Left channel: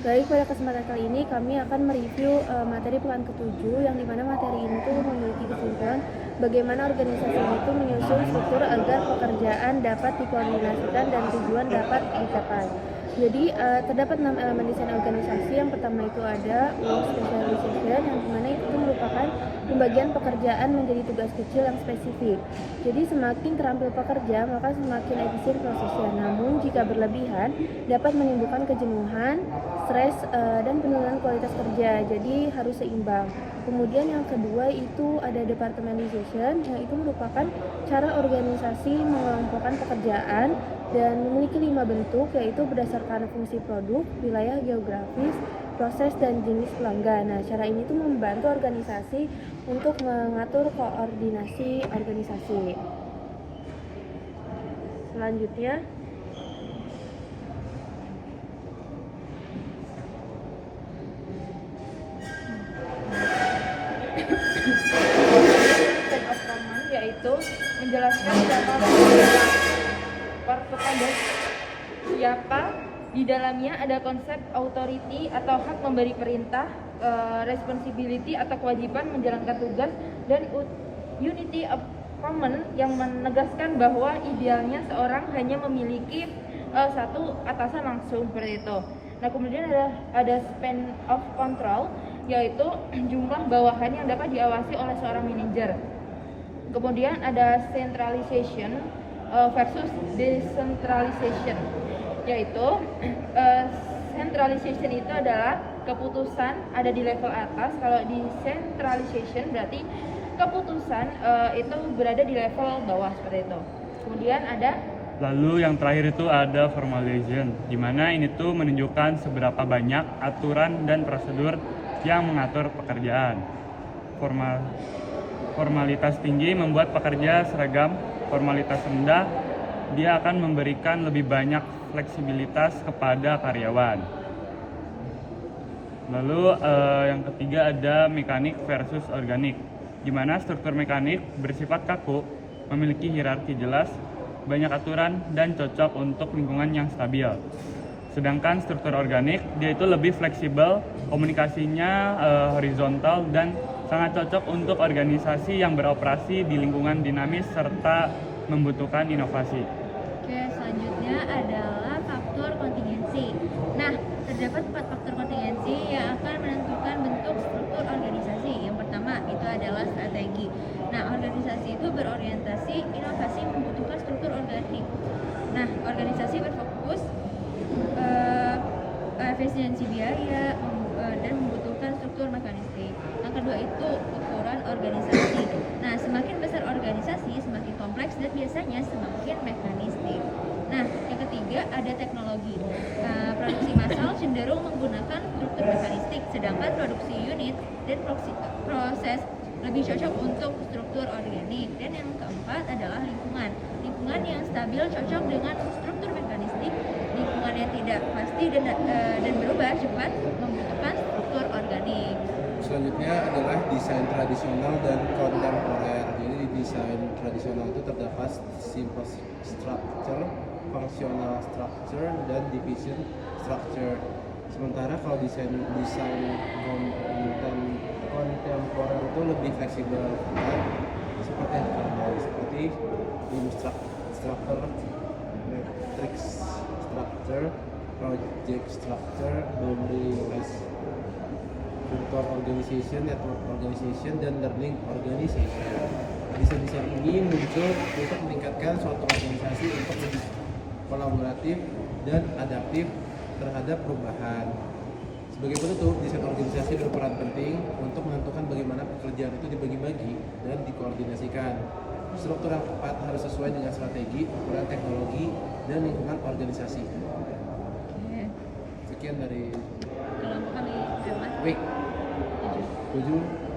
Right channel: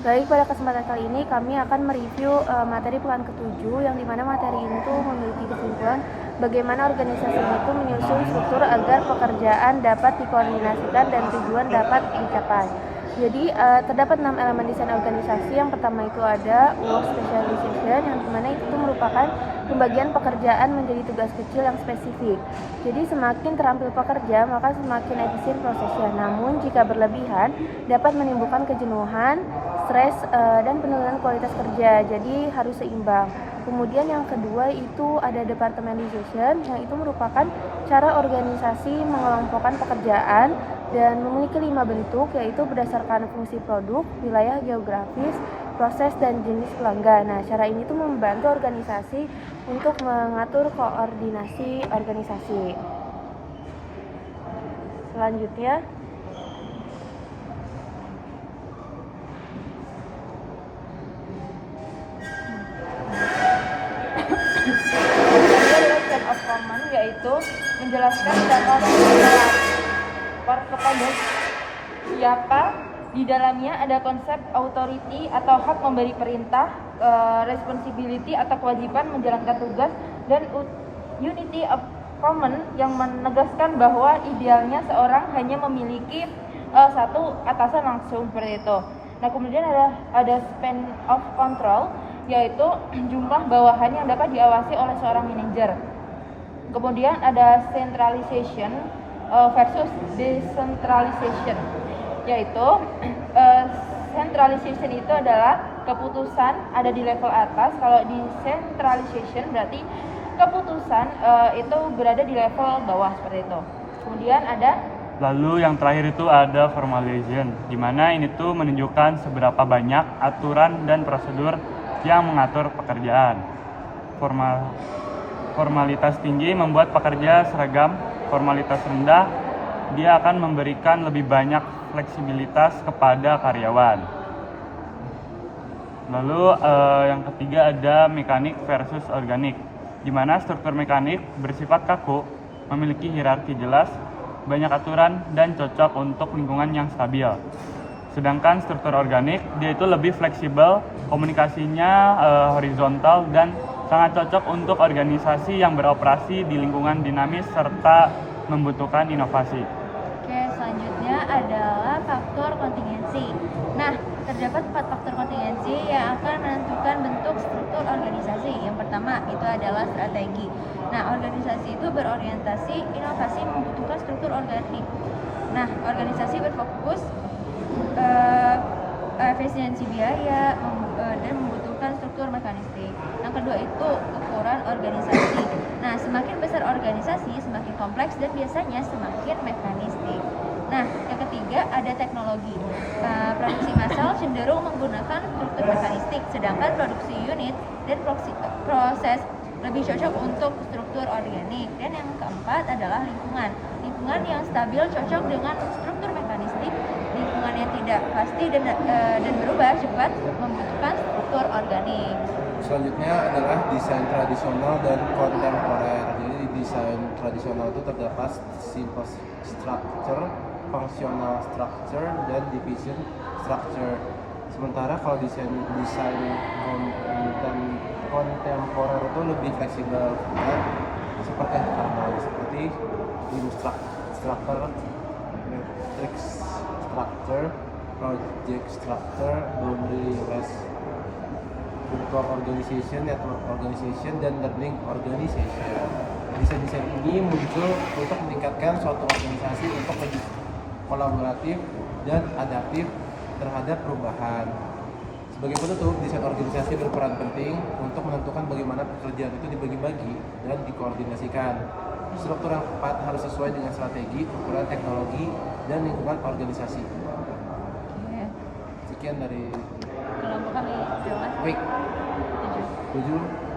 Baik, pada kesempatan kali ini kami akan mereview materi pekan ke-7 yang dimana materi ini tuh memiliki kesimpulan bagaimana organisasi itu menyusun struktur agar pekerjaan dapat dikoordinasikan dan tujuan dapat dicapai. Jadi terdapat 6 elemen desain organisasi. Yang pertama itu ada work specialization, yang dimana itu merupakan pembagian pekerjaan menjadi tugas kecil yang spesifik. Jadi semakin terampil pekerja maka semakin efisien prosesnya. Namun jika berlebihan dapat menimbulkan kejenuhan, stres, dan penurunan kualitas kerja. Jadi harus seimbang. Kemudian yang kedua itu ada departmentalization, yang itu merupakan cara organisasi mengelompokkan pekerjaan dan memiliki 5 bentuk, yaitu berdasarkan fungsi produk, wilayah geografis, proses, dan jenis pelanggan. Nah, cara ini tuh membantu organisasi untuk mengatur koordinasi organisasi. Selanjutnya, set of common yaitu menjelaskan siapa di dalamnya, ada konsep authority atau hak memberi perintah, responsibility atau kewajiban menjalankan tugas, dan unity of common yang menegaskan bahwa idealnya seorang hanya memiliki satu atasan langsung seperti itu. Nah, kemudian ada span of control, yaitu jumlah bawahan yang dapat diawasi oleh seorang manajer. Kemudian ada centralization versus decentralization, yaitu centralization itu adalah keputusan ada di level atas. Kalau decentralization berarti keputusan itu berada di level bawah seperti itu. Kemudian ada Lalu yang terakhir itu ada formalization, di mana ini tuh menunjukkan seberapa banyak aturan dan prosedur yang mengatur pekerjaan. Formalitas tinggi membuat pekerja seragam, formalitas rendah dia akan memberikan lebih banyak fleksibilitas kepada karyawan. Lalu yang ketiga ada mekanik versus organik, di mana struktur mekanik bersifat kaku, memiliki hierarki jelas, banyak aturan, dan cocok untuk lingkungan yang stabil. Sedangkan struktur organik dia itu lebih fleksibel, komunikasinya horizontal, dan sangat cocok untuk organisasi yang beroperasi di lingkungan dinamis serta membutuhkan inovasi. Oke, selanjutnya adalah faktor kontingensi. Nah, terdapat 4 faktor kontingensi yang akan menentukan bentuk struktur organisasi. Yang pertama itu adalah strategi. Nah, organisasi itu berorientasi inovasi membutuhkan struktur organik. Nah, organisasi berfokus efisiensi biaya dan membutuhkan struktur mekanistik. Yang kedua itu ukuran organisasi. Nah, semakin besar organisasi, semakin kompleks dan biasanya semakin mekanistik. Nah, yang ketiga ada teknologi. Produksi massal cenderung menggunakan struktur mekanistik, sedangkan produksi unit dan proses lebih cocok untuk struktur organik. Dan yang keempat adalah lingkungan. Lingkungan yang stabil cocok dengan struktur mekanistik. Lingkungan yang tidak pasti dan berubah cepat membutuhkan struktur organik. Selanjutnya adalah desain tradisional dan kontemporer. Jadi di desain tradisional itu terdapat simple structure, functional structure, dan division structure. Sementara kalau desain kontemporer itu lebih fleksibel, dan seperti beam structure, matrix structure, project structure, boundaryless virtual organization, network organization, dan learning organization. Desain-desain ini muncul untuk meningkatkan suatu organisasi untuk lebih kolaboratif dan adaptif terhadap perubahan. Sebagai penutup, desain organisasi berperan penting untuk menentukan bagaimana pekerjaan itu dibagi-bagi dan dikoordinasikan. Struktur yang tepat harus sesuai dengan strategi, ukuran teknologi, dan lingkungan organisasi. Sekian dari Kelompok kami, terima kasih. Week 7.